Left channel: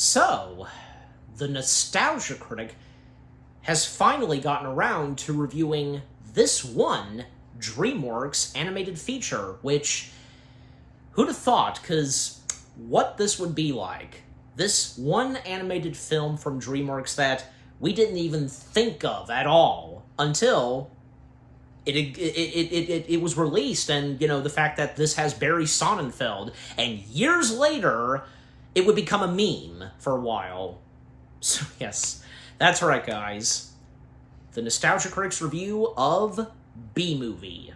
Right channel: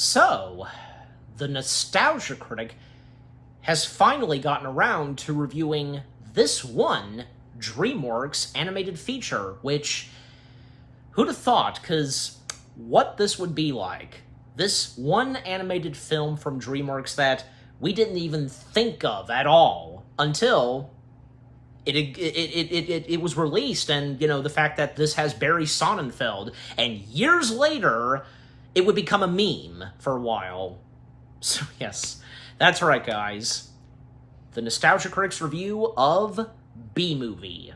So, the Nostalgia Critic has finally gotten around to reviewing this one DreamWorks animated feature, which, who'd have thought, because what this would be like. This one animated film from DreamWorks that we didn't even think of at all until it was released, and, you know, the fact that this has Barry Sonnenfeld, and years later, it would become a meme for a while. So, yes, that's right, guys. The Nostalgia Critic's review of B-Movie.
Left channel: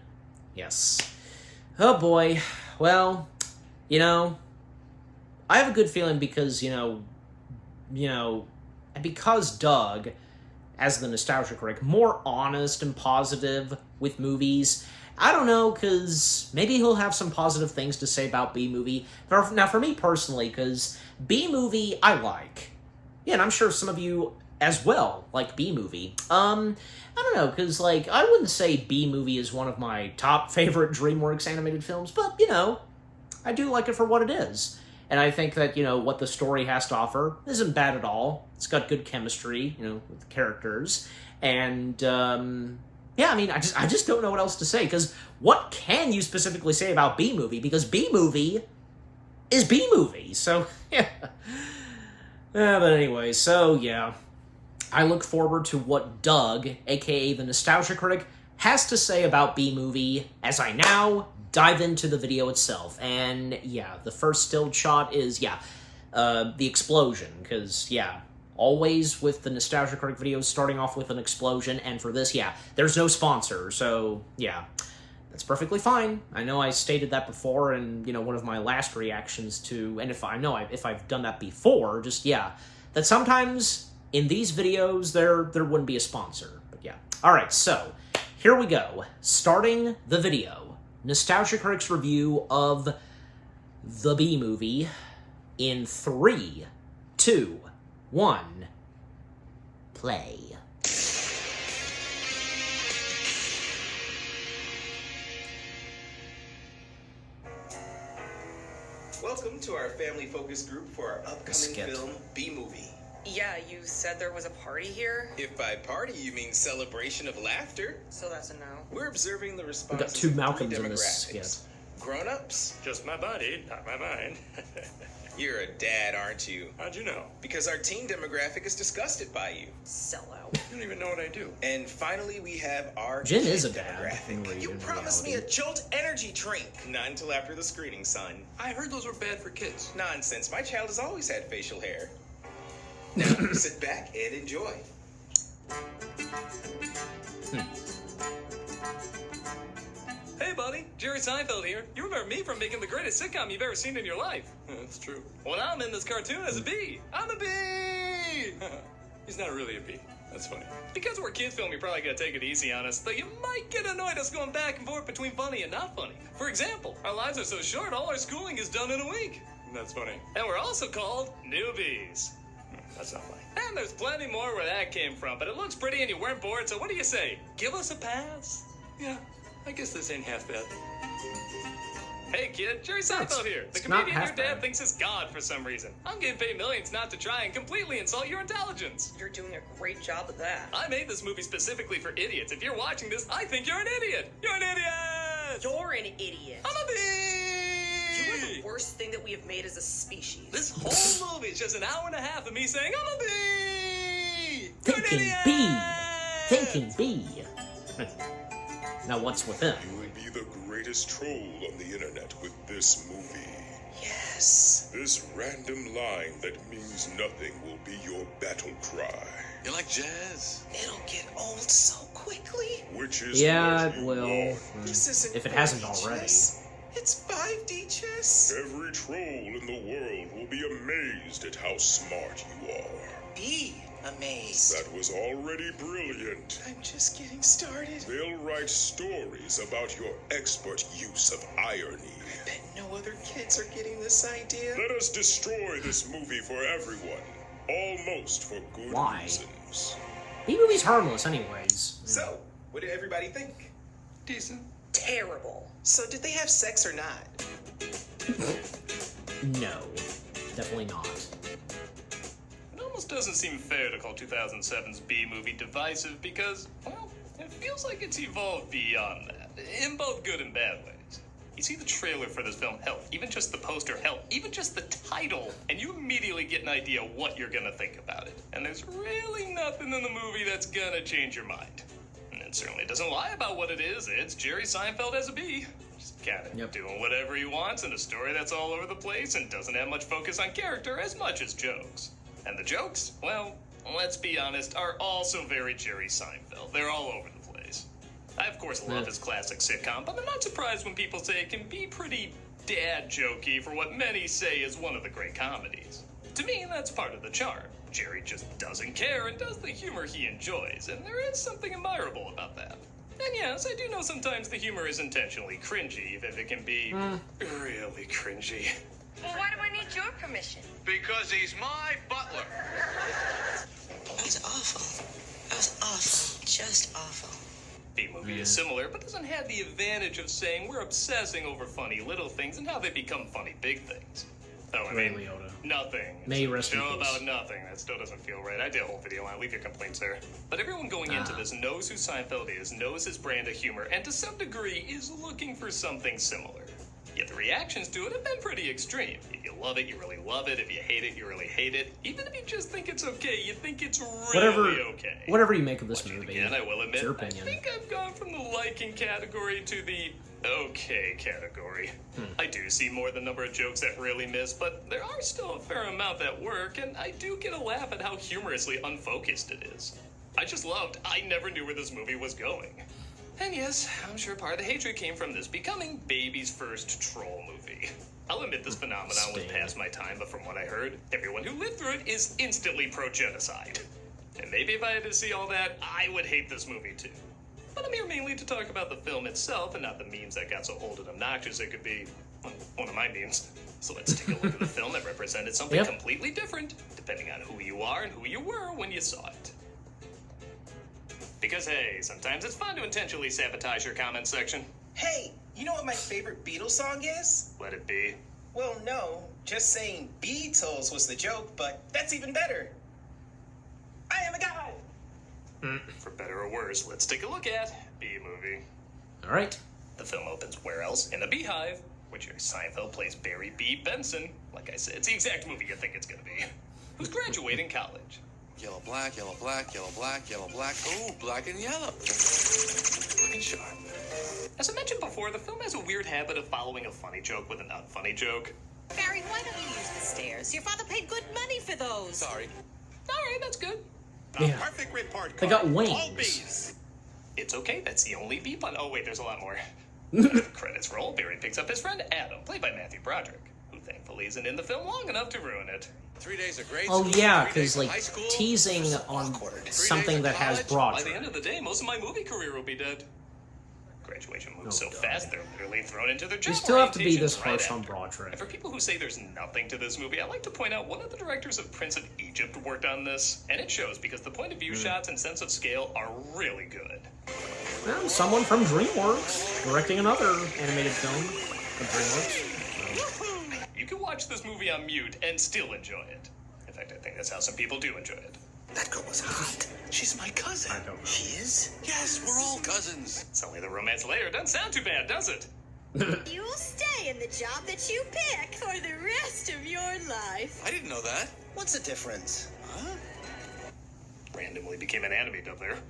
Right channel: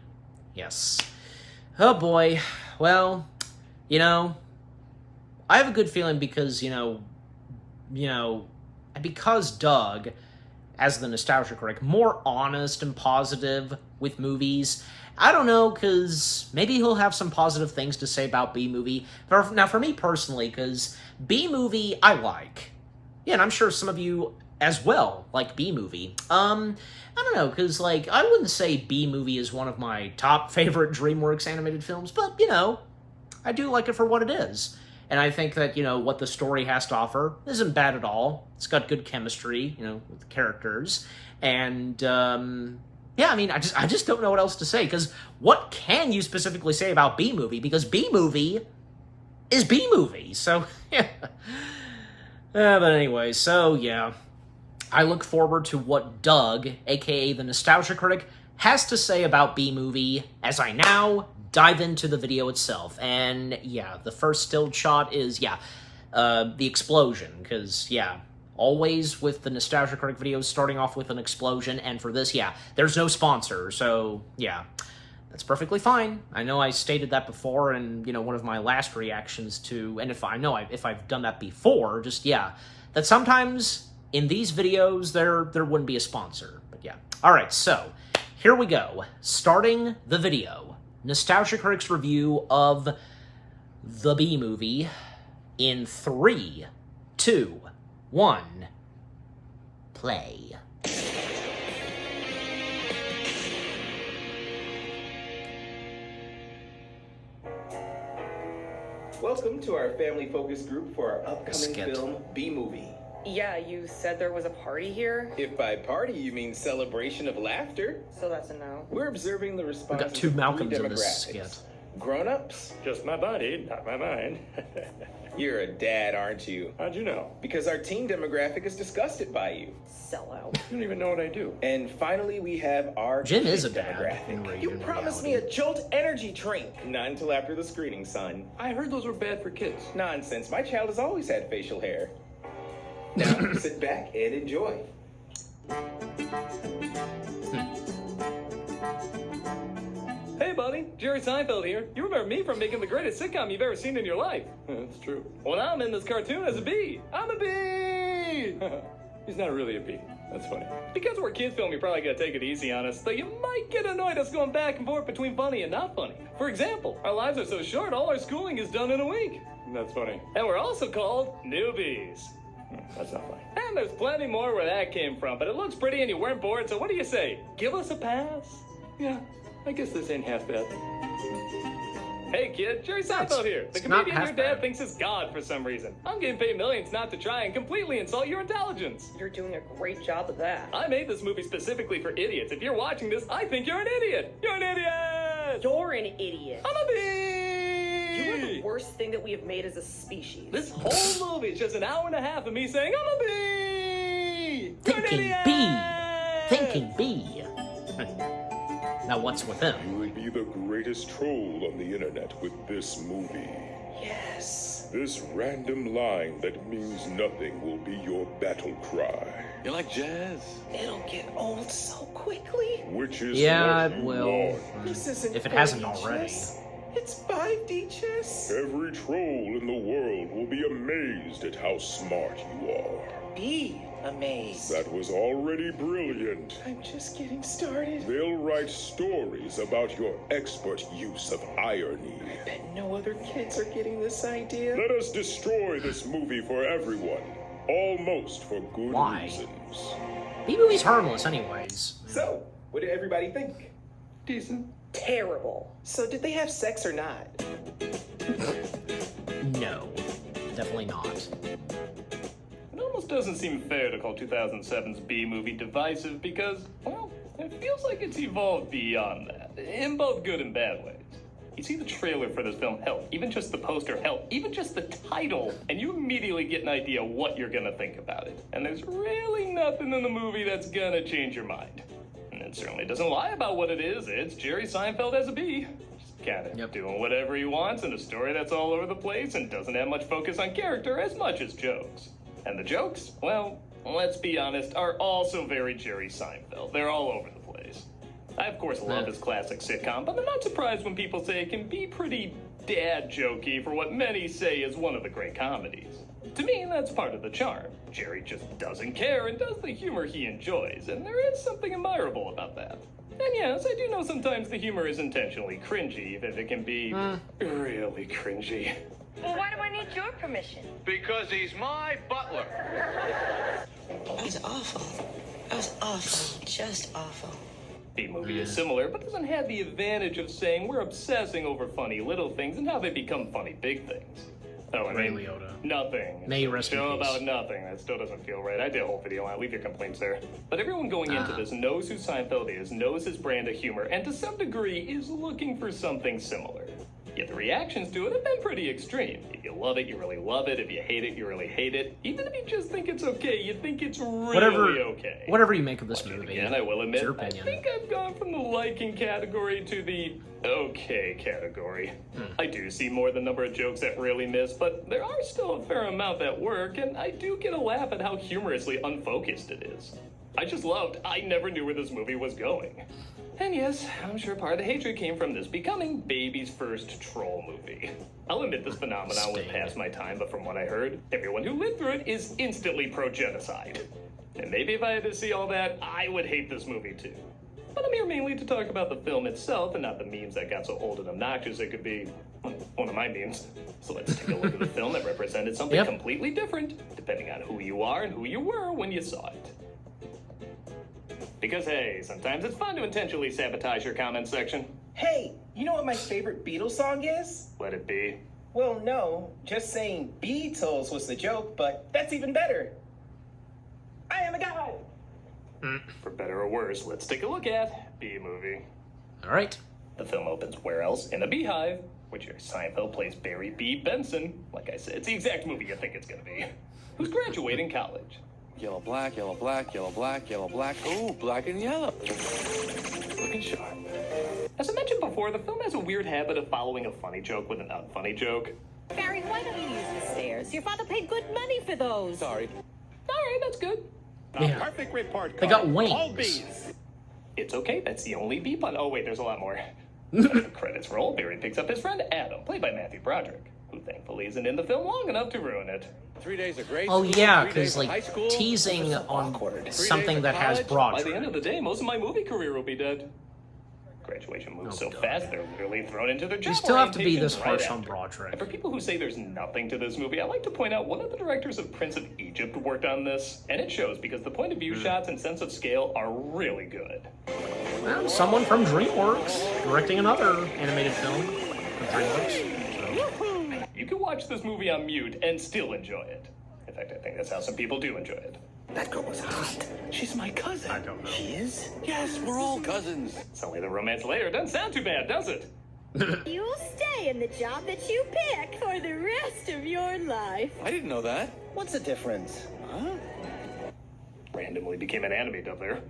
Yes. Oh, boy. Well, you know, I have a good feeling because, because Doug, as the Nostalgia Critic, more honest and positive with movies. I don't know, because maybe he'll have some positive things to say about B-Movie. Now, for me personally, because B-Movie, I like. Yeah, and I'm sure some of you as well like B-Movie. I don't know, because, like, I wouldn't say B-Movie is one of my top favorite DreamWorks animated films, but, you know, I do like it for what it is. And I think that, you know, what the story has to offer isn't bad at all. It's got good chemistry, you know, with the characters. And, yeah, I mean, I just don't know what else to say, because what can you specifically say about B-Movie? Because B-Movie is B-Movie, so, yeah. But anyway, so, yeah. I look forward to what Doug, aka the Nostalgia Critic, has to say about B-Movie as I now dive into the video itself. And, yeah, the first still shot is, the explosion, because, always with the Nostalgia Critic videos starting off with an explosion, and for this, there's no sponsor, so, that's perfectly fine. I know I stated that before in, one of my last reactions to, and if I've done that before, just, that sometimes in these videos there wouldn't be a sponsor, but Alright, so, here we go. Starting the video. Nostalgia Critic's review of the B-Movie in 3, 2, 1, play. Welcome to our family focus group for our upcoming film, B-Movie. Yeah, you said there was a party here? If by party you mean celebration of laughter. So that's a no. We're observing the responses We got two of Malcolms three in this demographics. skit. Grown-ups. Just my body, not my mind. You're a dad, aren't you? How'd you know? Because our teen demographic is disgusted by you. Sellout. You don't even know what I do. And finally, we have our Jim kid is a dad demographic. in You promised me reality. a Jolt energy drink. Not until after the screening, son. I heard those were bad for kids. Nonsense. My child has always had facial hair. Now, sit back and enjoy. Hey, buddy. Jerry Seinfeld here. You remember me from making the greatest sitcom you've ever seen in your life. That's true. Well, now I'm in this cartoon as a bee. I'm a bee! He's not really a bee. That's funny. Because we're a kid film, you're probably gonna take it easy on us, but you might get annoyed us going back and forth between funny and not funny. For example, our lives are so short, all our schooling is done in a week. That's funny. And we're also called newbies. That's not funny. And there's plenty more where that came from, but it looks pretty and you weren't bored, so what do you say? Give us a pass? Yeah, I guess this ain't half bad. Hey kid, Jerry Seinfeld here. The it's not comedian your half dad bad. thinks is God for some reason. I'm getting paid millions not to try and completely insult your intelligence. You're doing a great job of that. I made this movie specifically for idiots. If you're watching this, I think you're an idiot. You're an idiot! You're an idiot. I'm a bee! You are the worst thing that we have made as a species. This whole movie is just an hour and a half of me saying, I'm a bee! Thinking bee! Thinking bee! Now what's with him? You will be the greatest troll on the internet with this movie. Yes. This random line that means nothing will be your battle cry. You like jazz? It'll get old so quickly. Which is Yeah, what it you will. want. This isn't If it hasn't 4D already. chess. It's 5D chess. Every troll in the world will be amazed at how smart you are. Be amazed. That was already brilliant. I'm just getting started. They'll write stories about your expert use of irony. I bet no other kids are getting this idea. Let us destroy this movie for everyone. Almost for good Why? reasons. B-Movie's harmless anyways. So, what did everybody think? Decent. Terrible. So, did they have sex or not? No. Definitely not. almost doesn't seem fair to call 2007's B movie divisive because, well, it feels like it's evolved beyond that, in both good and bad ways. You see the trailer for this film, hell, even just the poster, hell, even just the title, and you immediately get an idea what you're gonna think about it. And there's really nothing in the movie that's gonna change your mind. And it certainly doesn't lie about what it is. It's Jerry Seinfeld as a bee. Just kind of doing whatever he wants in a story that's all over the place and doesn't have much focus on character as much as jokes. And the jokes, well, let's be honest, are also very Jerry Seinfeld. They're all over the place. I, of course, love his classic sitcom, but I'm not surprised when people say it can be pretty dad jokey for what many say is one of the great comedies. To me, that's part of the charm. Jerry just doesn't care and does the humor he enjoys, and there is something admirable about that. And yes, I do know sometimes the humor is intentionally cringy, if it can be really cringy. Well, why do I need your permission? Because he's my butler. That was awful. That was awful. Just awful. B-movie is similar, but doesn't have the advantage of saying we're obsessing over funny little things and how they become funny big things. Oh, Ray Liotta. Nothing. May he rest in Show peace. about nothing. That still doesn't feel right. I did a whole video on it. Leave your complaints there. But everyone going into this knows who Seinfeld is, knows his brand of humor, and to some degree is looking for something similar. Yet the reactions to it have been pretty extreme. If you love it, you really love it. If you hate it, you really hate it. Even if you just think it's okay, you think it's really okay. Whatever you make of this movie, Again, I will admit, it's your opinion. I think I've gone from the liking category to the okay category. I do see more than number of jokes that really miss, but there are still a fair amount that work, and I do get a laugh at how humorously unfocused it is. I just loved I never knew where this movie was going. And yes, I'm sure part of the hatred came from this becoming baby's first troll movie. I'll admit this phenomenon will pass my time, but from what I heard, everyone who lived through it is instantly pro-genocide. And maybe if I had to see all that, I would hate this movie too. But I'm here mainly to talk about the film itself and not the memes that got so old and obnoxious it could be one of my memes. So let's take a look at the film that represented something completely different, depending on who you are and who you were when you saw it. Because hey, sometimes it's fun to intentionally sabotage your comment section. Hey, you know what my favorite Beatles song is? Let it be. Well, no. Just saying Beatles was the joke, but that's even better. I am a god! For better or worse, let's take a look at B-movie. Alright. The film opens where else? In a beehive, where Jerry Seinfeld plays Barry B. Benson. Like I said, it's the exact movie you think it's gonna be. Who's graduating college. Yellow, black, yellow, black, yellow, black, yellow, black. Ooh, black and yellow. Looking sharp. As I mentioned before, the film has a weird habit of following a funny joke with an unfunny joke. Barry, why don't you use the stairs? Your father paid good money for those. Sorry. Alright, that's good. Yeah. Perfect report. They got card. wings. All B's. It's okay, that's the only B pun. Oh wait, there's a lot more. The credits roll, Barry picks up his friend Adam, played by Matthew Broderick, who thankfully isn't in the film long enough to ruin it. 3 days of grade Oh school, yeah, 3 because days of like high school. teasing on something that has By the end of Broderick. the day, most of my movie career will be dead. Graduation moves so God. fast, they're literally thrown into their job You still have to be this orientations harsh right on after. Broderick. And for people who say there's nothing to this movie, I'd like to point out one of the directors of Prince of Egypt worked on this, and it shows because the point of view shots and sense of scale are really good. Well, someone from DreamWorks directing another animated film of DreamWorks. So. You can watch this movie on mute and still enjoy it. In fact, I think that's how some people do enjoy it. That girl was hot. She's my cousin. I don't know. She is? Yes, we're all cousins. So the romance layer doesn't sound too bad, does it? You'll stay in the job that you pick for the rest of your life. I didn't know that. What's the difference? Huh? Randomly became an anime dub there.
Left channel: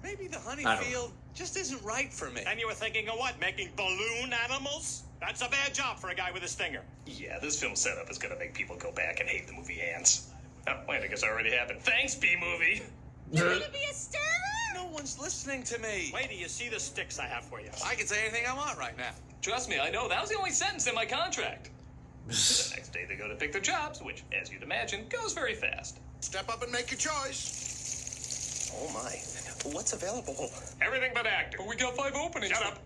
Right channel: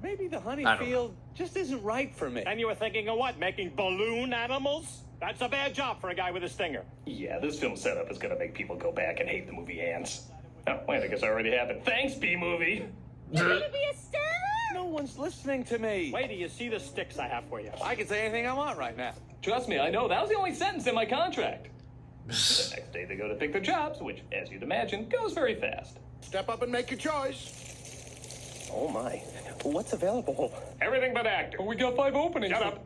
Maybe the honey I don't field just isn't right for me. And you were thinking of what? Making balloon animals? That's a bad job for a guy with a stinger. Yeah, this film setup is gonna make people go back and hate the movie Ants. Oh, wait, I guess it already happened. Thanks, B-movie! You're gonna be a star? No one's listening to me. Wait till you see the sticks I have for you. I can say anything I want right now. Trust me, I know, that was the only sentence in my contract. The next day they go to pick their jobs, which, as you'd imagine, goes very fast. Step up and make your choice. Oh my. What's available? Everything but actor. But we got 5 openings. Shut up!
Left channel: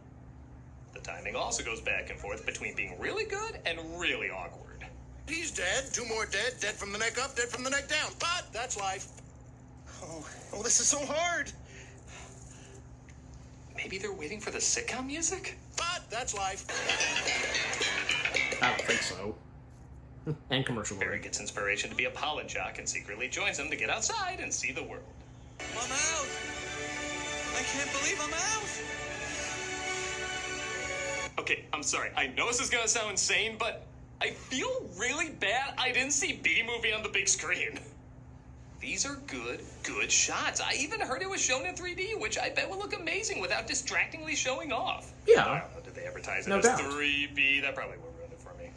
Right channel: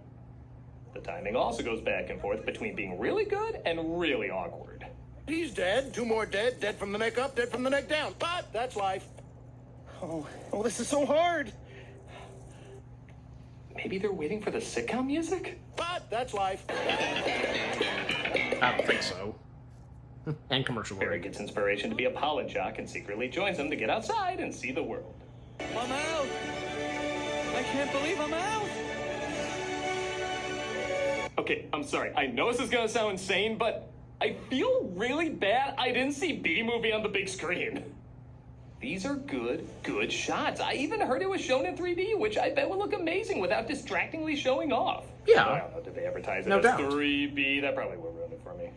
The timing also goes back and forth between being really good and really awkward. He's dead. 2 more dead. Dead from the neck up, dead from the neck down. But that's life. Oh, this is so hard. Maybe they're waiting for the sitcom music? But that's life. I don't think so. And commercial Barry break. gets inspiration to be a pollen jock and secretly joins him to get outside and see the world. I'm out. I can't believe I'm out. Okay, I'm sorry. I know this is gonna sound insane, but I feel really bad I didn't see B-Movie on the big screen. These are good shots. I even heard it was shown in 3D, which I bet would look amazing without distractingly showing off. Yeah. Did they advertise it No as doubt. 3B? That probably will ruin it for me.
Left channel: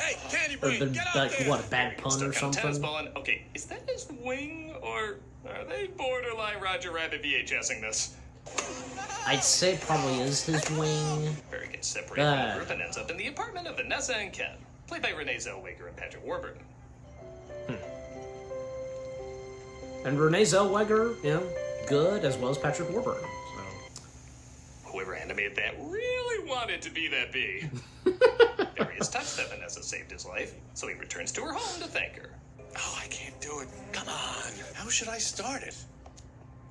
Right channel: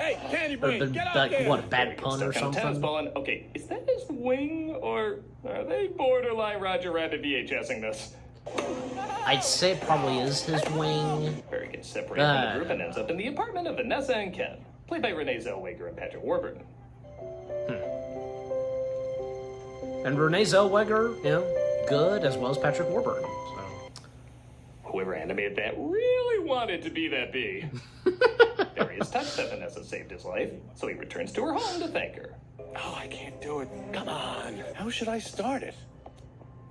Hey, Candy Or Bean, been get out like, there! what, a bad pun Stuck or on tennis something? ball and- okay, is that his wing, or are they borderline Roger Rabbit VHSing this? I'd say it probably is his wing. Barry gets separated from the group and ends up in the apartment of Vanessa and Ken, played by Renee Zellweger and Patrick Warburton. And Renee Zellweger, you know, good, as well as Patrick Warburton. So. Whoever animated that really wanted to be that bee. Barry is touched that Vanessa saved his life, so he returns to her home to thank her. Oh, I can't do it. Come on. How should I start it?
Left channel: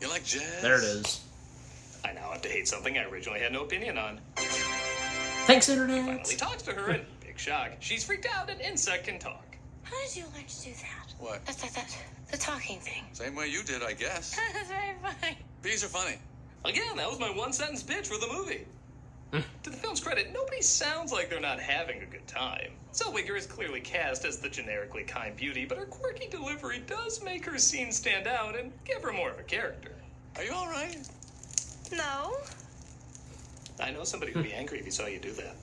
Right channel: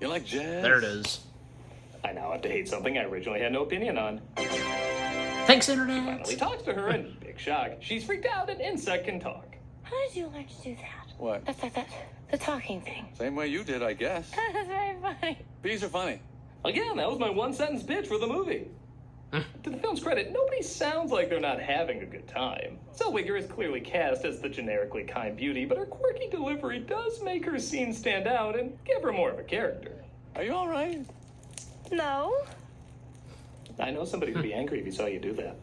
You like jazz? There it is. I now have to hate something I originally had no opinion on. Thanks, Internet! Finally talks to her, and big shock, she's freaked out an insect can talk. How did you like to do that? What? That, the talking thing. Same way you did, I guess. That's very funny. Bees are funny. Again, that was my one-sentence pitch for the movie. To the film's credit, nobody sounds like they're not having a good time. Zellweger is clearly cast as the generically kind beauty, but her quirky delivery does make her scene stand out and give her more of a character. Are you all right? No. I know somebody would be angry if he saw you do that.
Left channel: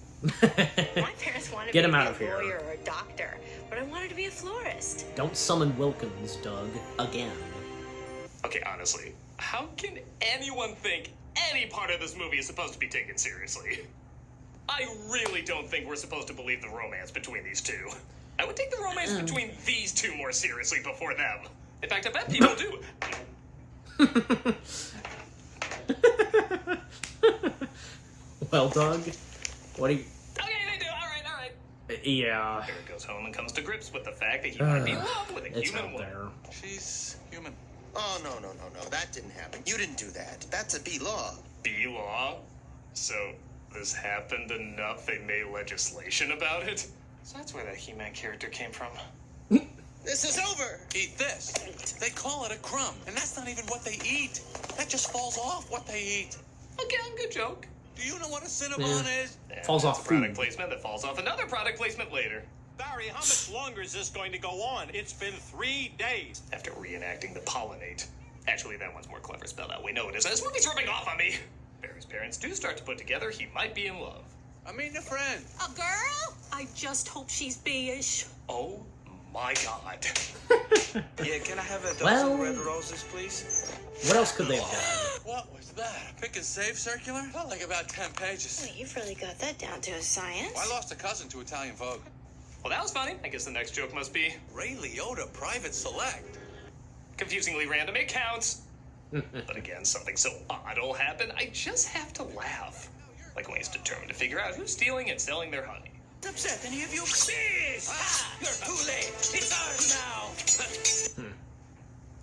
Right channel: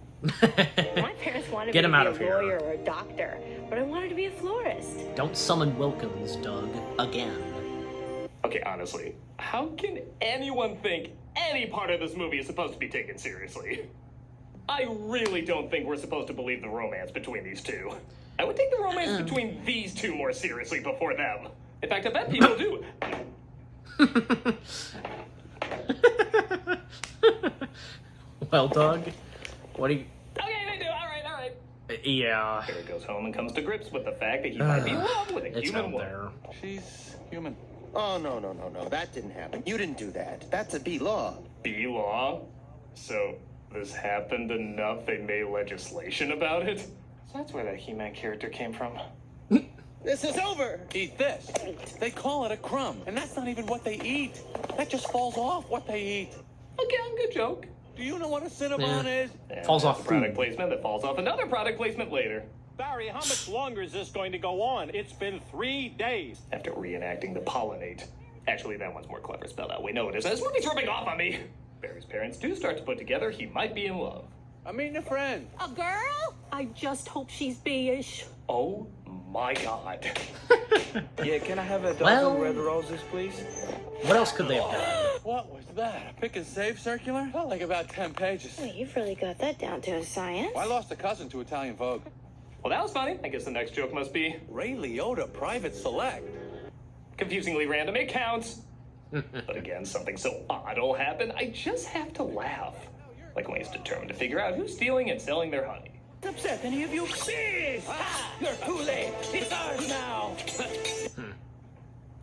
My parents wanted Get me him to out be of a here. lawyer or a doctor, but I wanted to be a florist. Don't summon Wilkins, Doug. Again. Okay, honestly, how can anyone think any part of this movie is supposed to be taken seriously? I really don't think we're supposed to believe the romance between these two. I would take the romance between these two more seriously before them. In fact, I bet people do. Well, Doug, what do you... Okay, they do. All right. Yeah, Barry goes home and comes to grips with the fact that he might be in love with a it's human out woman. there. She's human. Oh, no. That didn't happen. You didn't do that. That's a B law. B-law? So this happened enough they made legislation about it? So that's where that He-Man character came from. This is over. Eat this. They call it a crumb, and that's not even what they eat. That just falls off what they eat. Okay, good joke. Do you know what a Cinnabon Yeah. is? And Falls that's off a product food. placement that falls off another product placement later. Barry, how much longer is this going to go on? It's been 3 days. After reenacting the pollinate. Actually, that one's more clever spelled out. We know it is. This movie's rubbing off on me. Barry's parents do start to put together he might be in love. I mean a friend. A girl? I just hope she's B-ish. Oh my god. Yeah, can I have a dozen Well- red roses, please? What else could they have done? What was that? A pick and save circular? Felt like about 10 pages. Wait, you've really got that down to a science. I lost a cousin to Italian Vogue. Well, that was funny. I guess the next joke must be Ray Liotta, Private Select. confusingly random. It counts. But again, something so odd will happen, I just have to laugh. Like when he's determined to figure out who's stealing and selling their honey. Upset any of you? Please! You're too late. It's ours now.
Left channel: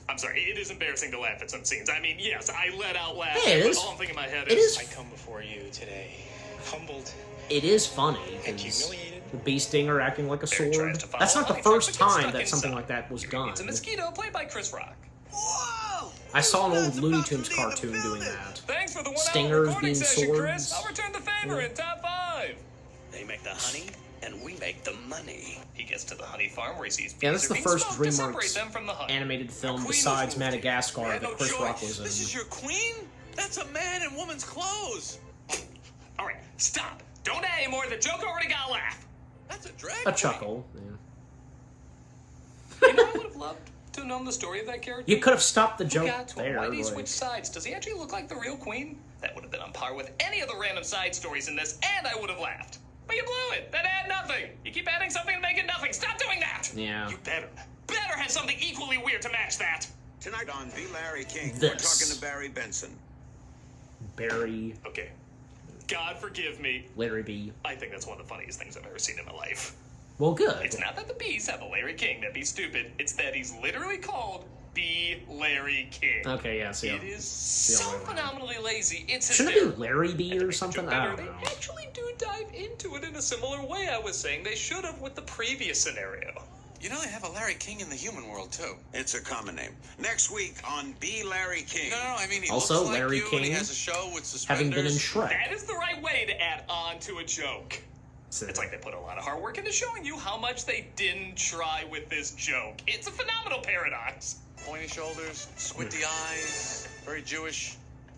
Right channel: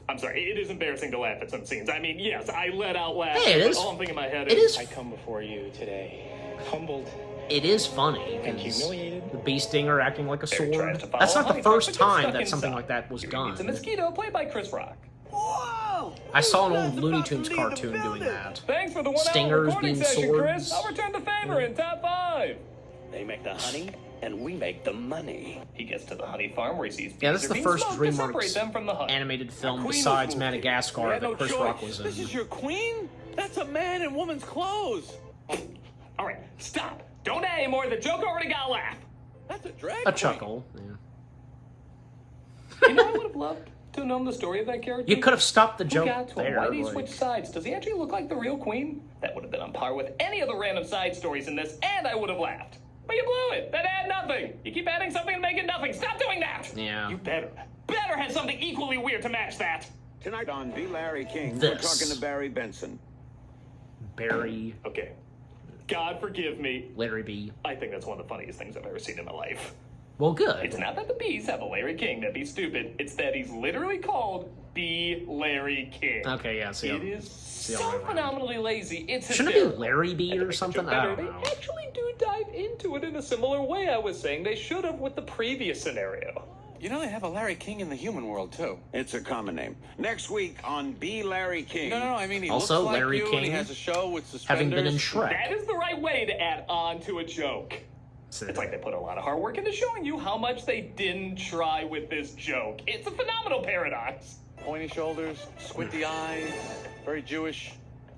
I'm sorry, it is embarrassing to laugh at some scenes. I mean, yes, I let out laugh. Hey, it but is- all I'm thinking in my head it is- I come before you today, humbled. It is funny, And because humiliated. the bee stinger acting like a Barry sword. tries to follow That's not the honey first trap, but gets time stuck that something inside. like that was He done. meets a mosquito played by Chris Rock. Whoa! I saw an old Looney Tunes cartoon doing that. Thanks for the 1 Stingers hour being recording session, Chris. swords. I'll return the favor in top 5. They make the honey, and we make the money. He gets to the honey farm where he sees Yeah, bees this is are the being first smoked to separate DreamWorks them from the honey. animated film Queen besides was moved. Madagascar You had that no Chris choice. Rock was This is in. your queen? That's a man in woman's clothes. All right, stop. Don't add anymore. The joke already got a laugh. That's a drag A queen. chuckle. Yeah. You know, I would have loved to have known the story of that character. You could have stopped the Who joke got to there. Why did he Like, switch sides? Does he actually look like the real queen? That would have been on par with any of the random side stories in this, and I would have laughed. But you blew it. That had nothing. You keep adding something and making nothing. Stop doing that. Yeah. You better have something equally weird to match that. Tonight on B. Larry King, This. we're talking to Barry Benson. Barry, Okay. God forgive me. Larry B. I think that's one of the funniest things I've ever seen in my life. Well, good. It's not that the bees have a Larry King that'd be stupid. It's that he's literally called B. Larry King. Okay, yeah, It is so right around. phenomenally lazy. It's Shouldn't it be Larry B or something? I don't know. They actually do dive into it in a similar way. I was saying they should have with the previous scenario. You know they have a Larry King in the human world, too. It's a common name. Next week on B. Larry King. No, I mean, he Also, looks like Larry you, and King, he has a show with having been in suspenders. Shrek. That is the right way to add on to a joke. It's like they put a lot of hard work into showing you how much they didn't try with this joke. It's a phenomenal paradox. Pointy shoulders, squinty eyes, very Jewish.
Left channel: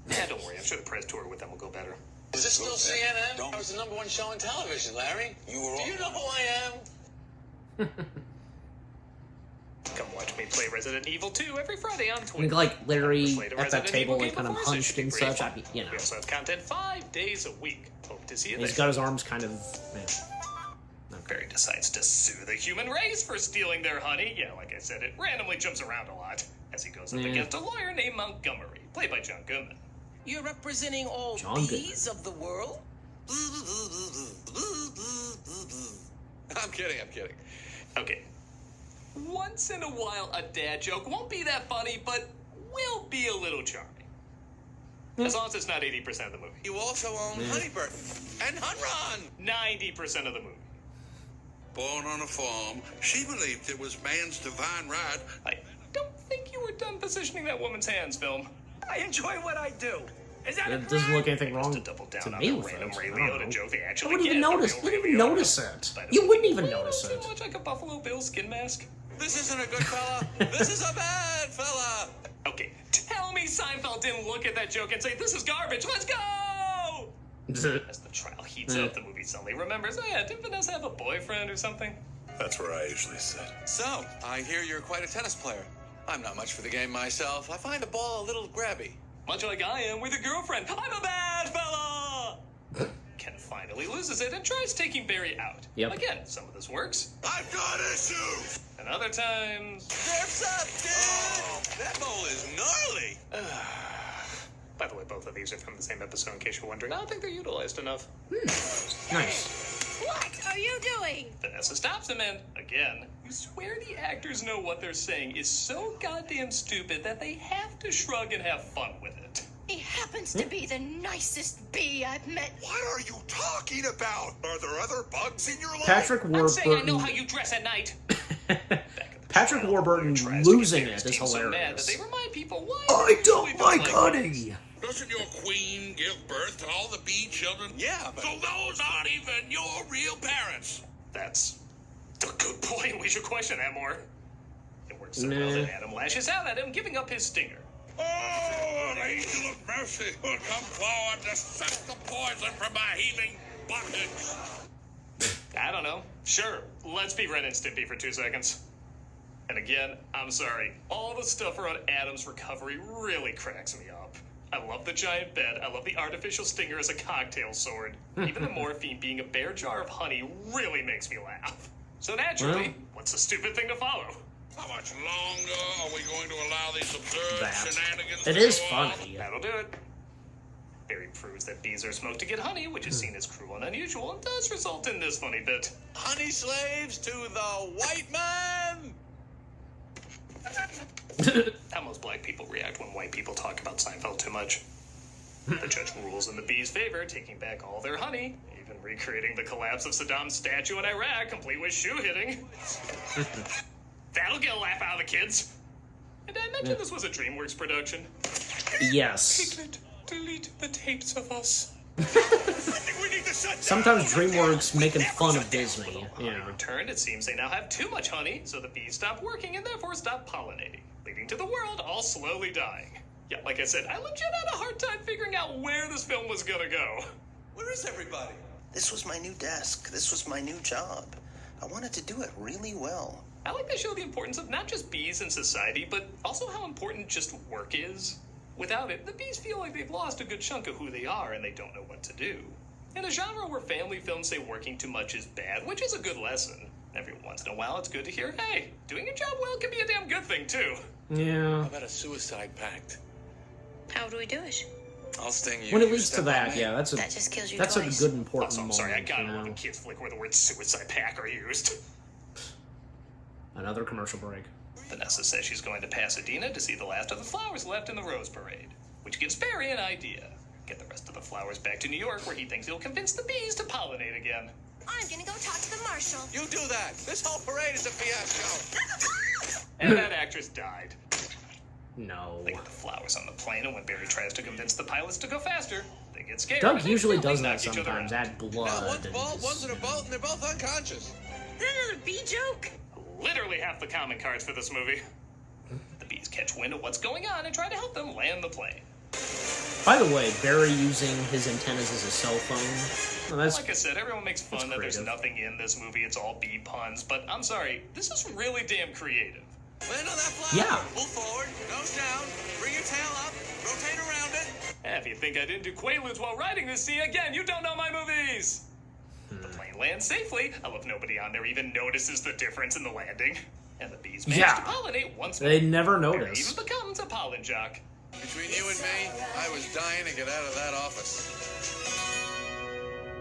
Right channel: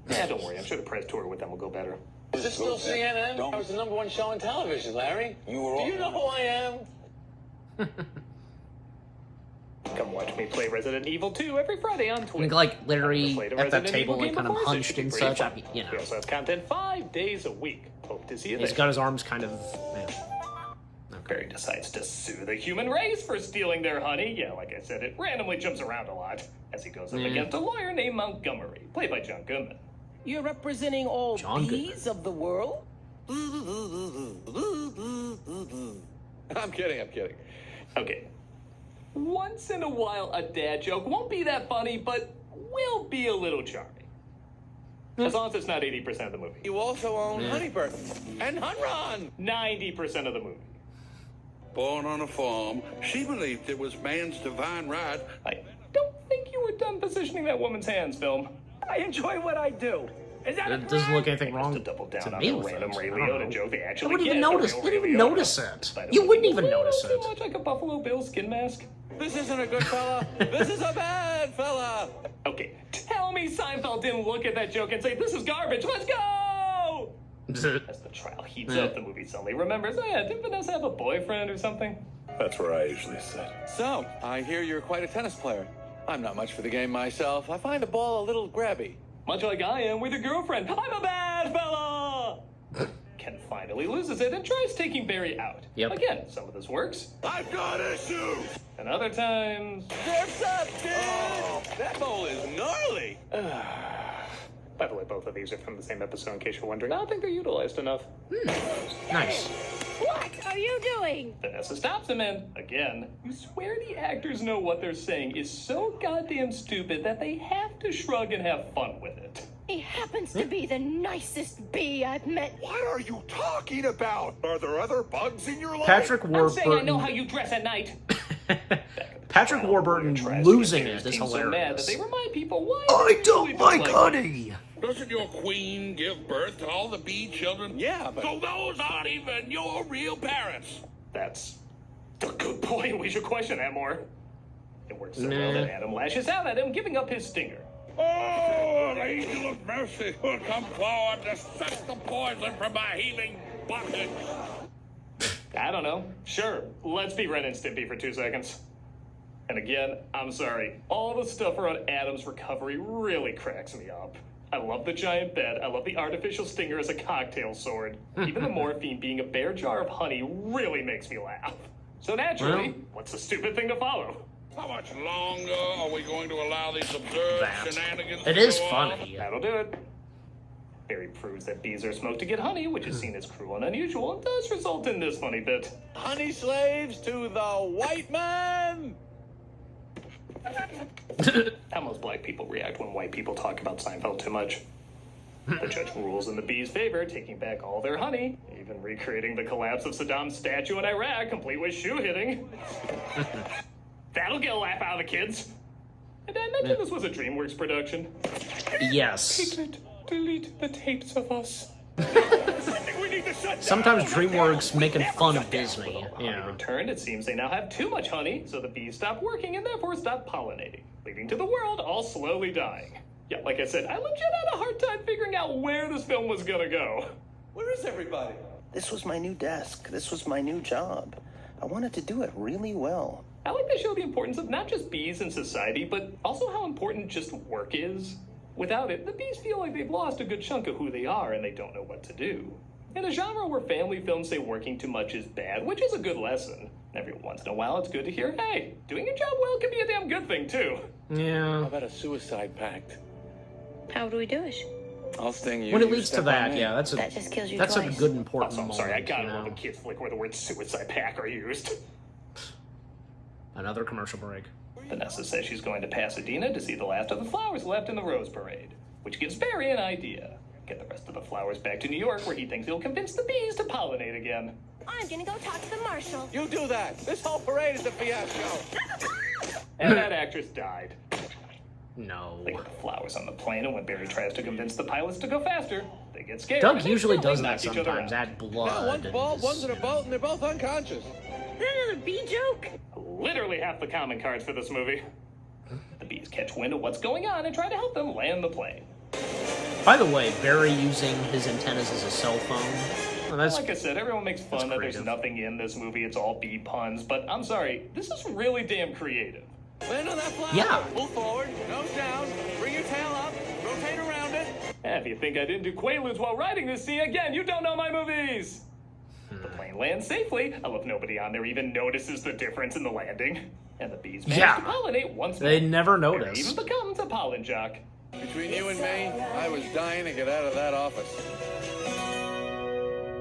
Yeah, don't worry. I'm sure the press tour with them will go better. Is this still CNN? It was the #1 show on television, Larry. Do you know who I am? Come watch me play Resident Evil 2 every Friday on I Twitter. think, like, Larry Slate of at that Resident table, Evil like, kind of Game hunched Force and is such. great. You know. We also have content 5 days a week. Hope to see you He's there. got his arms kind of... Barry decides to sue the human race for stealing their honey. Yeah, like I said, it randomly jumps around a lot as he goes up against a lawyer named Montgomery, played by John Goodman. You're representing all John bees of the world? I'm kidding. Okay. Once in a while, a dad joke won't be that funny, but will be a little charming. As long as it's not 80% of the movie. You also own Honeyburn and Hunron. 90% of the movie. Born on a farm, she believed it was man's divine right. I don't think you were done positioning that woman's hands, film. I enjoy what I do. Is that It doesn't look anything wrong To double down to on me the with it. random Ray I don't Liotta know. joke they I actually wouldn't even get. notice. Didn't even notice it. You wouldn't even notice it. So much like a Buffalo Bill skin mask. This isn't a good fella. This is a bad fella. Okay, tell me Seinfeld didn't look at that joke and say, "This is garbage, let's go!" As the trial heats up, the movie suddenly remembers, oh yeah, didn't Vanessa have a boyfriend or something? That's where I usually sit. So, I hear you're quite a tennis player. I'm not much for the game myself. I find the ball a little grabby. Much like I am with a girlfriend. I'm a bad fella! Ken finally loses it and tries taking Barry out. Yep. Again, some of this works. I've got issues! And other times... What's up, dude? That ball is gnarly. By the way, both of these are from the same episode, in case you're wondering. I don't think they're utilized enough. Nice. What are you doing? Vanessa stops him and, again, you swear the actors know what they're saying is so goddamn stupid that they have to shrug and have fun with it. He happens to be the nicest bee I've met. What are you talking about? Are there other bugs in your life? Patrick I'm saying I know how Warburton. you dress at night. Patrick Warburton losing it is hilarious. They remind people why I don't like honey. Doesn't your queen give birth to all the bee children? Yeah, but So those aren't even your real parents. That's a good point. We should question that more. It works so well that Adam lashes out at him, giving up his stinger. Oh, the angel of mercy will come forward to suck the poison from my healing buckets. I don't know. Sure, let's be Ren and Stimpy for 2 seconds. And again, I'm sorry. All the stuff around Adam's recovery really cracks me up. I love the giant bed. I love the artificial stinger as a cocktail sword. Even the morphine being a bare jar of honey really makes me laugh. So naturally, what's the stupid thing to follow? How much longer are we going to allow these absurd That. shenanigans It to is go on? funny. That'll do it. Barry proves that bees are smoked to get honey, which is seen as cruel and unusual, and does result in this funny bit. honey slaves to the white man. How most black people react when white people talk about Seinfeld too much. The judge rules in the bees' favor, taking back all their honey, even recreating the collapse of Saddam's statue in Iraq, complete with shoe hitting. That'll get a laugh out of the kids. And I mentioned this was a DreamWorks production. Yes. Piglet, delete the tapes of us. Sometimes DreamWorks making fun of Disney. Yeah. In turn, it seems they now have too much honey, so the bees stop working and therefore stop pollinating, leading to the world all slowly dying. Yeah, like I said, I legit had a hard time figuring out where this film was gonna go. Where is everybody? This was my new desk. This was my new job. I wanted to do it really well. I like they show the importance of not just bees in society, but also how important just work is. Without it, the bees feel like they've lost a good chunk of who they are and they don't know what to do. In a genre where family films say working too much is bad, which is a good lesson, every once in a while it's good to hear, hey, doing your job well can be a damn good thing too. Yeah. How about a suicide pact? How do we do it? I'll sting you. When it you leads to step that, on me. yeah, that's a That just kills you that's a twice. good important I'm sorry, I moment, got you it when know. the kids flick where the word suicide pack are used. Another commercial break. Vanessa says she's going to Pasadena to see the last of the flowers left in the Rose Parade, which gives Barry an idea. Get the rest of the flowers back to New York, where he thinks he'll convince the bees to pollinate again. I'm gonna go talk to the marshal. You do that. This whole parade is a fiasco. And that actress died. No. They get the flowers on the plane, and when Barry tries to convince the pilots to go faster, they get scared. Doug and they usually totally does that knock each other sometimes, out. add blood. One's bald, one's in a boat, and they're both unconscious. Is that another bee joke? Literally half the common cards for this movie. The bees catch wind of what's going on and try to help them land the plane. By the way, Barry using his antennas as a cell phone. Well, that's Like I said, everyone makes fun that there's creative. nothing in this movie, it's all bee puns, but I'm sorry, this is really damn creative. Land on that flower. Yeah. Move forward, nose down, bring your tail up, rotate around it. If you think I didn't do Quaaludes while writing this scene again, you don't know my movies! The plane lands safely. I love nobody on there even notices the difference in the landing. And the bees manage Yeah. to pollinate once They more. never Barry notice. even becomes a pollen jock. Between you and me, I was dying to get out of that office.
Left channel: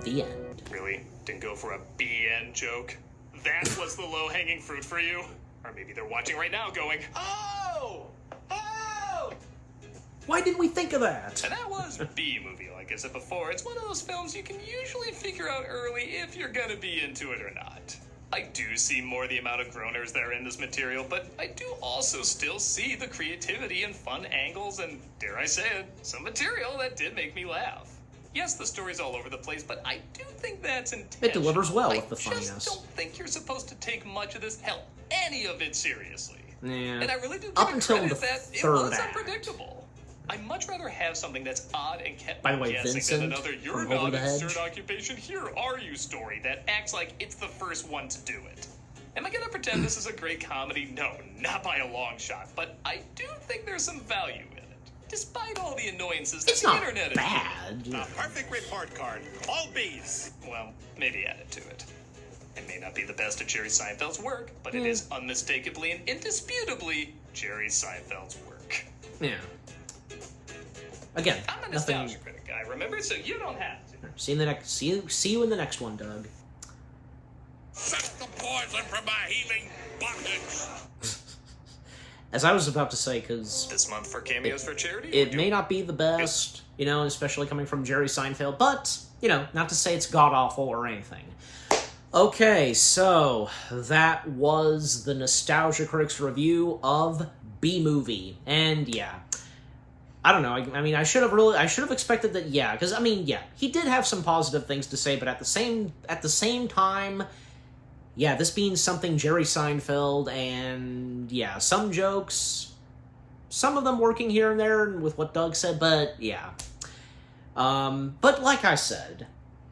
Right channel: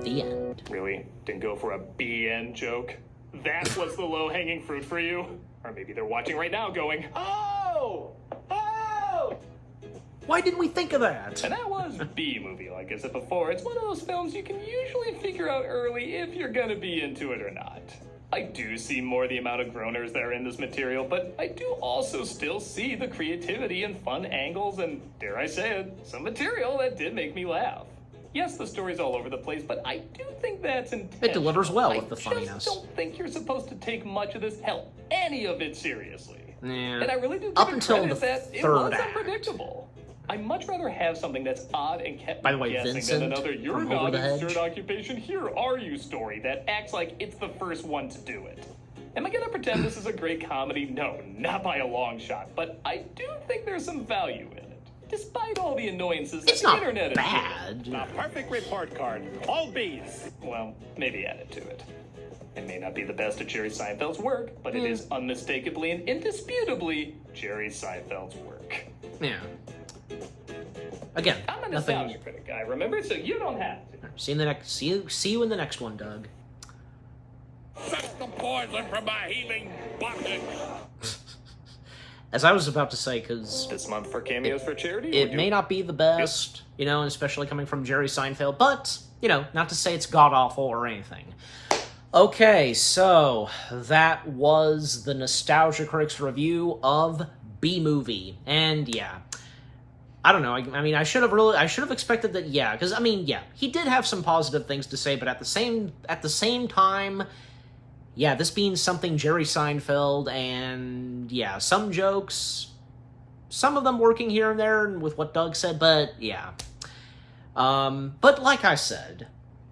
The end. Really? Didn't go for a BN joke? That was the low-hanging fruit for you? Or maybe they're watching right now going, oh! Oh! Why didn't we think of that? And that was B-movie, like I said before. It's one of those films you can usually figure out early if you're gonna be into it or not. I do see more the amount of groaners that are in this material, but I do also still see the creativity and fun angles and, dare I say it, some material that did make me laugh. Yes, the story's all over the place, but I do think that's intentional. It delivers well with the I funniness. just don't think you're supposed to take much of this, hell, any of it seriously. Yeah. And I really do Up give until credit the that it third was act. unpredictable. I'd much rather have something that's odd and kept By the me way, guessing Vincent than another "you're from not Over the Hedge. insert occupation, here are you" story that acts like it's the first one to do it. Am I gonna pretend this is a great comedy? No, not by a long shot. But I do think there's some value in it, despite all the annoyances that It's the not internet bad. A perfect report card. All bees. Well, maybe add it to it. It may not be the best of Jerry Seinfeld's work, but it is unmistakably and indisputably Jerry Seinfeld's work. Yeah. Again, I'm a nothing. nostalgia critic guy, remember? So you don't have to. See you in the next. See you in the next one, Doug. Suck the poison from my healing buttons. As I was about to say, because This month for cameos for charity? it may not be the best, and especially coming from Jerry Seinfeld, but, not to say it's god-awful or anything. Okay, so that was the Nostalgia Critics review of B-Movie, and yeah, I don't know, I mean, I should have expected that, yeah, because, I mean, yeah, he did have some positive things to say, but at the same time, yeah, this being something Jerry Seinfeld, and yeah, some jokes, some of them working here and there with what Doug said, but yeah. But like I said,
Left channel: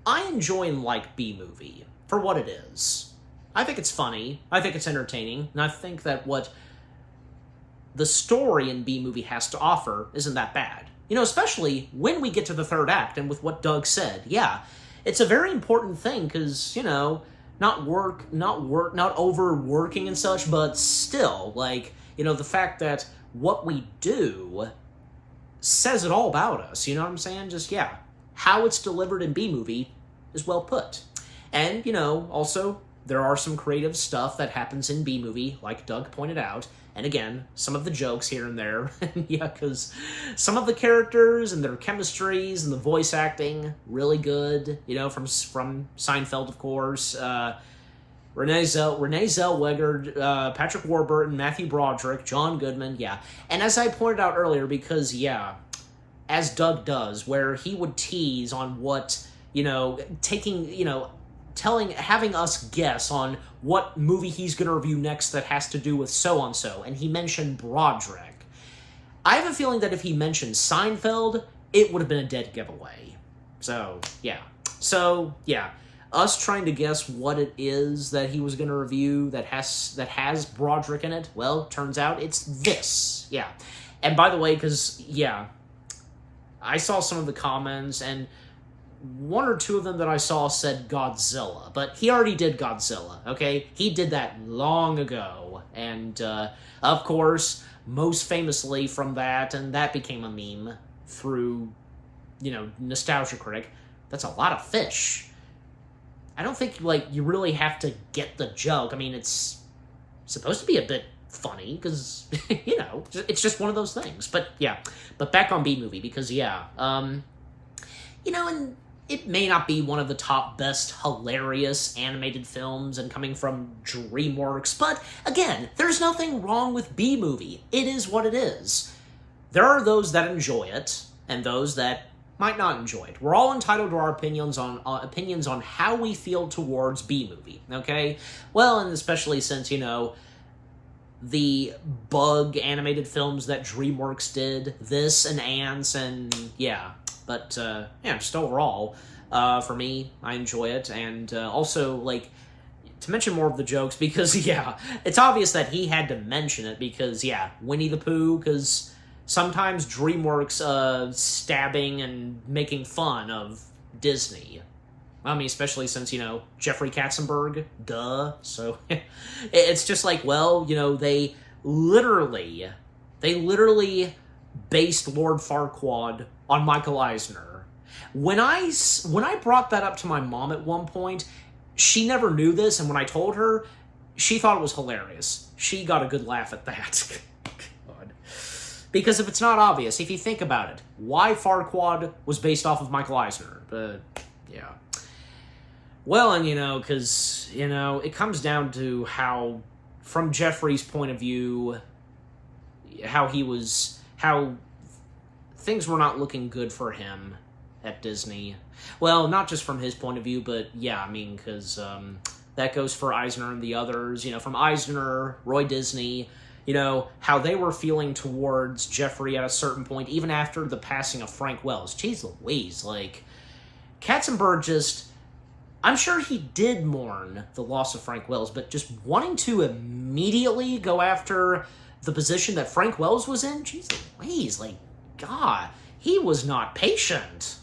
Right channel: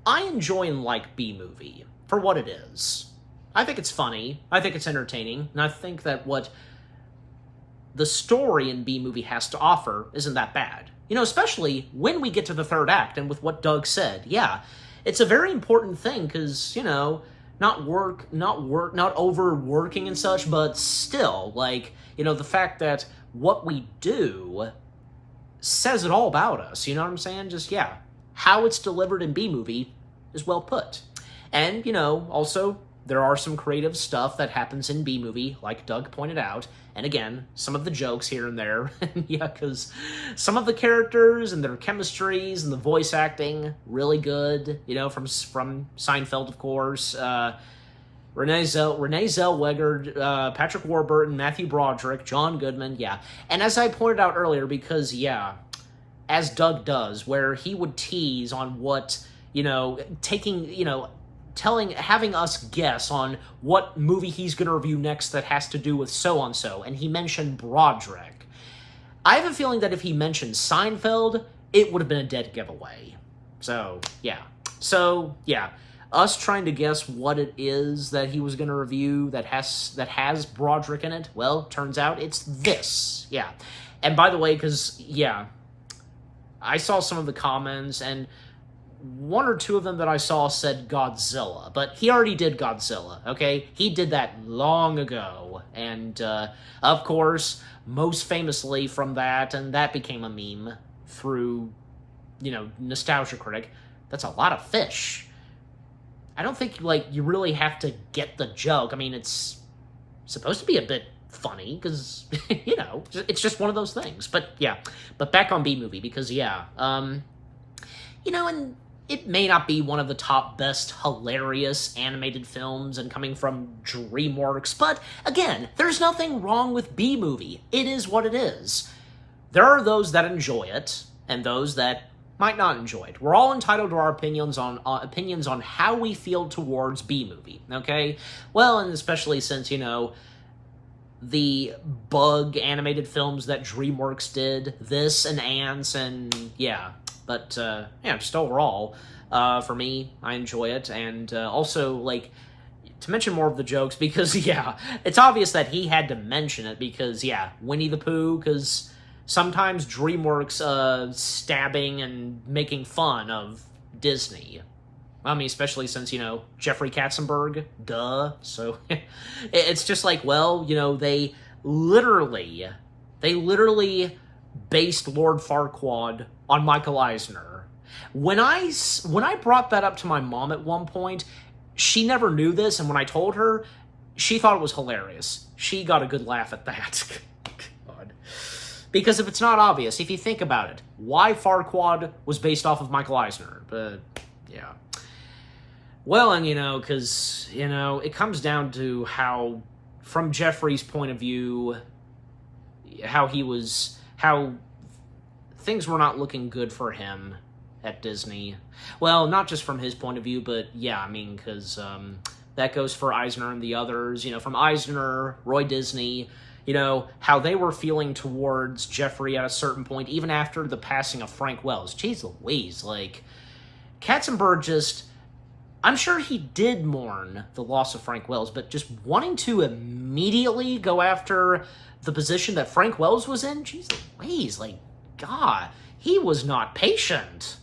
I enjoy and like B-Movie for what it is. I think it's funny, I think it's entertaining, and I think that what the story in B-Movie has to offer isn't that bad. Especially when we get to the third act, and with what Doug said, yeah. It's a very important thing, because, not overworking and such, but still, the fact that what we do says it all about us, you know what I'm saying? Just, yeah, how it's delivered in B-Movie is well put. And, also, there are some creative stuff that happens in B-Movie, like Doug pointed out, and again, some of the jokes here and there, yeah, because some of the characters and their chemistries and the voice acting, really good, from Seinfeld, of course, Renee Zellweger, Patrick Warburton, Matthew Broderick, John Goodman, yeah. And as I pointed out earlier, because, yeah, as Doug does, where he would tease on what, having us guess on what movie he's going to review next that has to do with so-and-so, and he mentioned Broderick. I have a feeling that if he mentioned Seinfeld, it would have been a dead giveaway. So, yeah. Us trying to guess what it is that he was going to review that has Broderick in it, well, turns out it's this. Yeah. And by the way, because, yeah, I saw some of the comments, and one or two of them that I saw said Godzilla, but he already did Godzilla, okay? He did that long ago, and, of course, most famously from that, and that became a meme through, Nostalgia Critic, that's a lot of fish. I don't think, you really have to get the joke. I mean, it's supposed to be a bit funny, because, you know, it's just one of those things. But, yeah. But back on B-Movie, because, yeah, you know, and it may not be one of the top best hilarious animated films and coming from DreamWorks, but again, there's nothing wrong with B-Movie. It is what it is. There are those that enjoy it, and those that might not enjoy it. We're all entitled to our opinions on how we feel towards B-Movie, okay? Well, and especially since, you know, the Bug animated films that DreamWorks did, this and Ants, and yeah. But, yeah, just overall, for me, I enjoy it, and also, like, to mention more of the jokes, because, yeah, it's obvious that he had to mention it, because, yeah, Winnie the Pooh, because sometimes DreamWorks, stabbing and making fun of Disney. I mean, especially since, you know, Jeffrey Katzenberg, duh, so, it's just like, well, you know, they literally based Lord Farquaad on Michael Eisner. When I brought that up to my mom at one point, she never knew this, and when I told her, she thought it was hilarious. She got a good laugh at that. God. Because if it's not obvious, if you think about it, why Farquaad was based off of Michael Eisner? But, yeah. Well, and, you know, because, you know, it comes down to how, from Jeffrey's point of view, how things were not looking good for him at Disney. Well, not just from his point of view, but yeah, I mean, because that goes for Eisner and the others. You know, from Eisner, Roy Disney, you know, how they were feeling towards Jeffrey at a certain point, even after the passing of Frank Wells. Jeez Louise, like, Katzenberg just... I'm sure he did mourn the loss of Frank Wells, but just wanting to immediately go after the position that Frank Wells was in? Jeez Louise, like, God, he was not patient.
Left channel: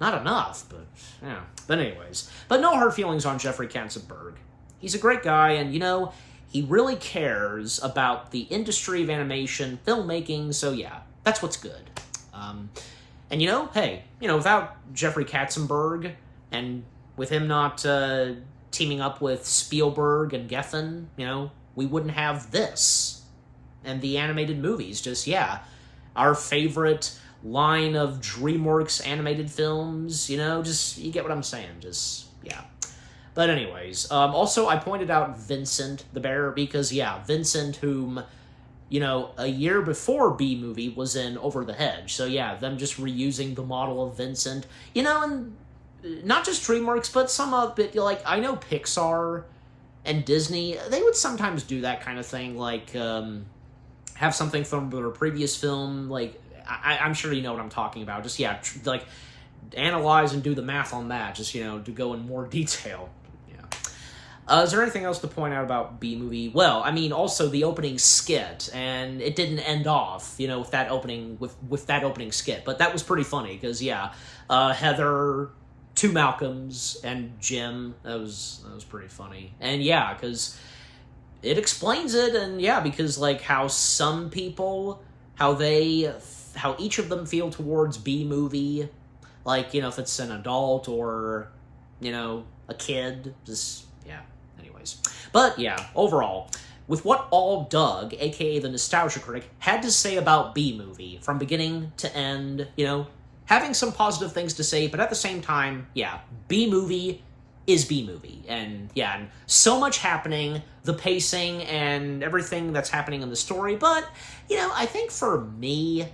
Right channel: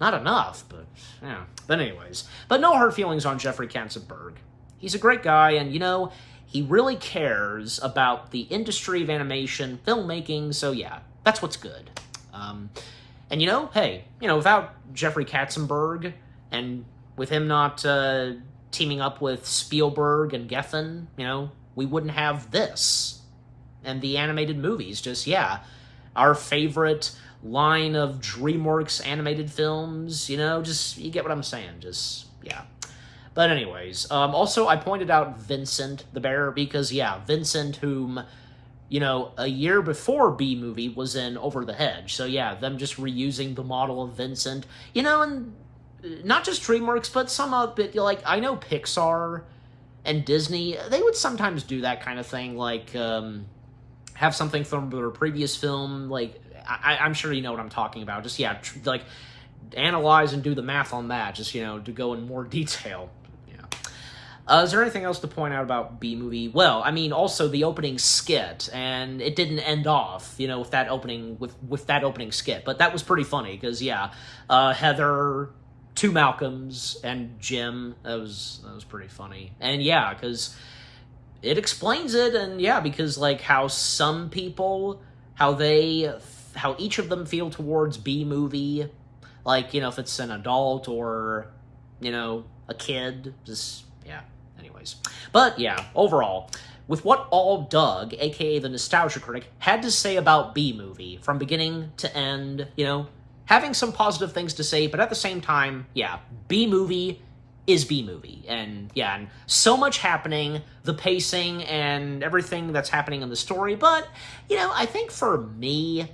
Not enough, but, yeah. But anyways, but no hard feelings on Jeffrey Katzenberg. He's a great guy, and, you know, he really cares about the industry of animation, filmmaking, so yeah, that's what's good. And, you know, hey, you know, without Jeffrey Katzenberg, and with him not teaming up with Spielberg and Geffen, you know, we wouldn't have this. And the animated movies, just, yeah, our favorite line of DreamWorks animated films, you know, just, you get what I'm saying, just, yeah. But anyways, also, I pointed out Vincent the Bear, because, yeah, Vincent, whom, you know, a year before B-Movie was in Over the Hedge, so yeah, them just reusing the model of Vincent, you know, and not just DreamWorks, but some of it, like, I know Pixar and Disney, they would sometimes do that kind of thing, like, have something from their previous film, like, I'm sure you know what I'm talking about, just, yeah, like, analyze and do the math on that, just, you know, to go in more detail, yeah. Is there anything else to point out about B-Movie? Well, I mean, also the opening skit, and it didn't end off, you know, with that opening, with that opening skit, but that was pretty funny, because, yeah, Heather, two Malcolms, and Jim, that was pretty funny, and yeah, because it explains it, and yeah, because, like, how some people, how each of them feel towards B-Movie, like, you know, if it's an adult or, you know, a kid, just, yeah, anyways. But, yeah, overall, with what all Doug, aka the Nostalgia Critic, had to say about B-Movie, from beginning to end, you know, having some positive things to say, but at the same time, yeah, B-Movie is B-Movie, and yeah, and so much happening, the pacing and everything that's happening in the story, but, you know, I think for me,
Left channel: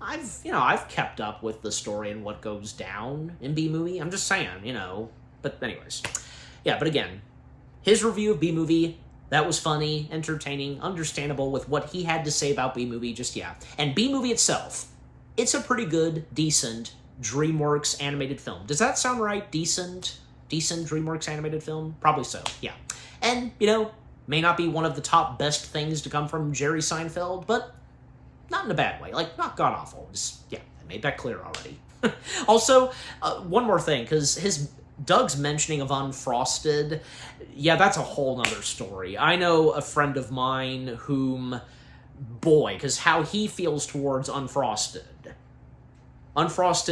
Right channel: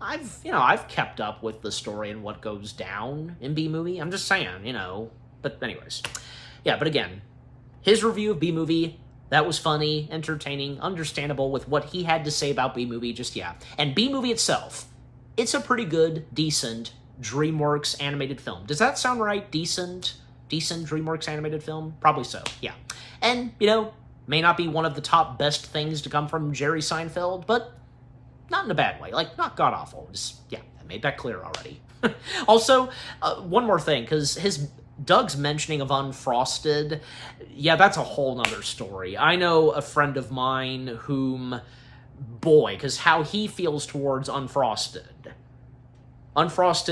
I've kept up with the story and what goes down in B-Movie, I'm just saying, you know, but anyways, yeah, but again, his review of B-Movie, that was funny, entertaining, understandable with what he had to say about B-Movie, just, yeah, and B-Movie itself, it's a pretty good, decent DreamWorks animated film. Does that sound right? Decent DreamWorks animated film? Probably so, yeah. And, you know, may not be one of the top best things to come from Jerry Seinfeld, but not in a bad way. Like, not god-awful. Just, yeah, I made that clear already. Also, one more thing, because Doug's mentioning of Unfrosted, yeah, that's a whole nother story. I know a friend of mine whom, boy, because how he feels towards Unfrosted,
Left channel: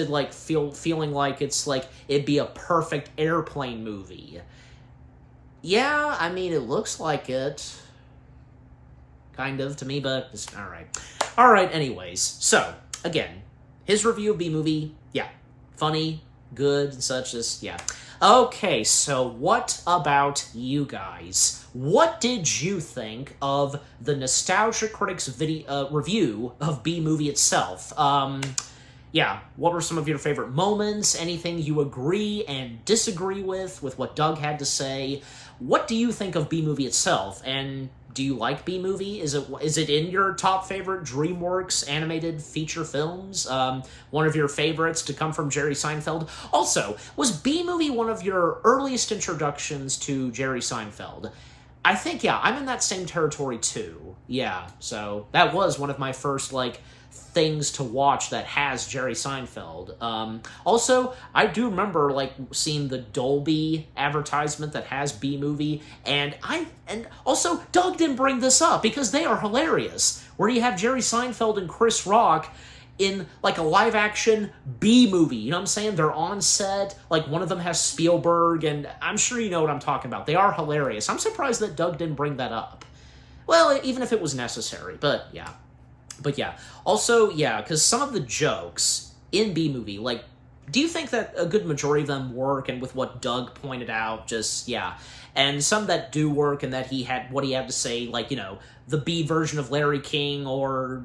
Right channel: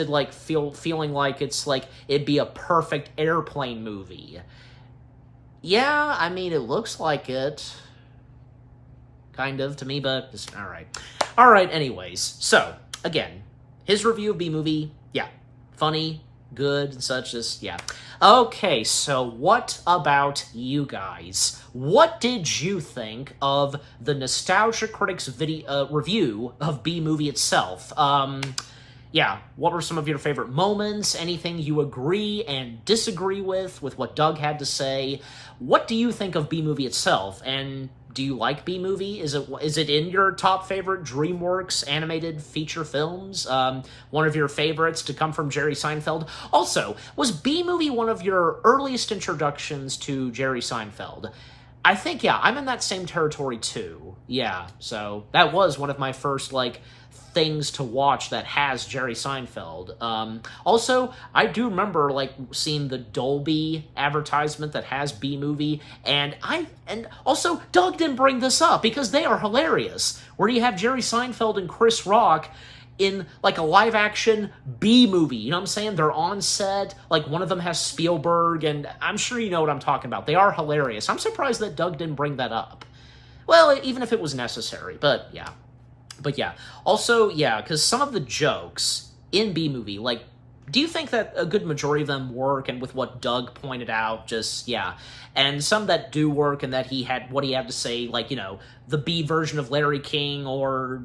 like, feeling like it's like it'd be a perfect airplane movie. Yeah, I mean, it looks like it. kind of, to me, but it's alright. Alright, anyways. So, again, his review of B-Movie, yeah, funny, good, and such, just, yeah. Okay, so what about you guys? What did you think of the Nostalgia Critic's review of B-Movie itself? Yeah, what were some of your favorite moments? Anything you agree and disagree with what Doug had to say? What do you think of B-Movie itself? And do you like B-Movie? Is it in your top favorite DreamWorks animated feature films? One of your favorites to come from Jerry Seinfeld? Also, was B-Movie one of your earliest introductions to Jerry Seinfeld? I think, yeah, I'm in that same territory too. Yeah, so that was one of my first, things to watch that has Jerry Seinfeld. Also, I do remember, seeing the Dolby advertisement that has B-Movie, and also, Doug didn't bring this up, because they are hilarious, where you have Jerry Seinfeld and Chris Rock in, a live-action B-movie, you know what I'm saying? They're on set, one of them has Spielberg, and I'm sure you know what I'm talking about. They are hilarious. I'm surprised that Doug didn't bring that up. Well, even if it was necessary, but yeah. But yeah, also, yeah, because some of the jokes in B-Movie, do you think that a good majority of them work, and with what Doug pointed out, just, yeah, and some that do work, and that what he had to say, the B version of Larry King, or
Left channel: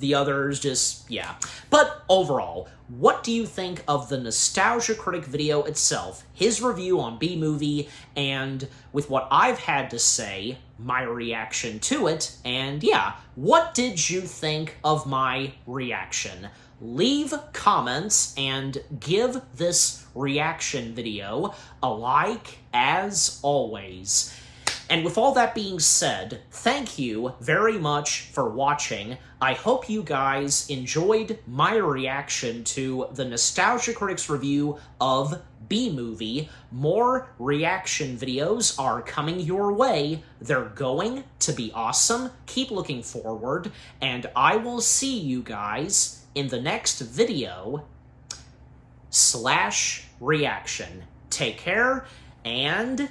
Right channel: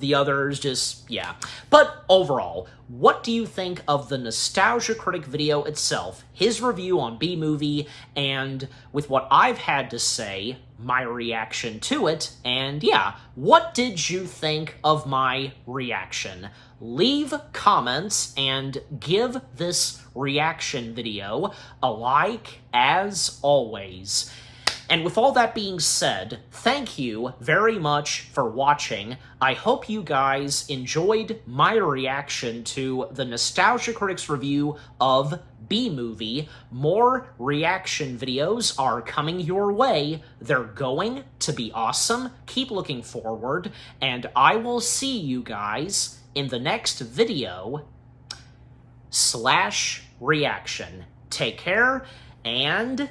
the others, just, yeah. But overall, what do you think of the Nostalgia Critic video itself, his review on B-Movie, and with what I've had to say, my reaction to it, and yeah, what did you think of my reaction? Leave comments and give this reaction video a like, as always. And with all that being said, thank you very much for watching. I hope you guys enjoyed my reaction to the Nostalgia Critics review of B-Movie. More reaction videos are coming your way. They're going to be awesome. Keep looking forward, and I will see you guys in the next video / reaction. Take care, and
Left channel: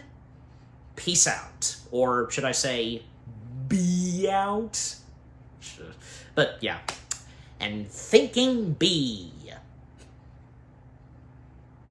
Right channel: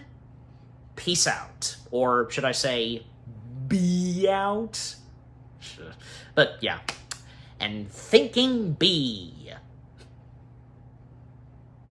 peace out. Or should I say, be out? But yeah. And thinking B.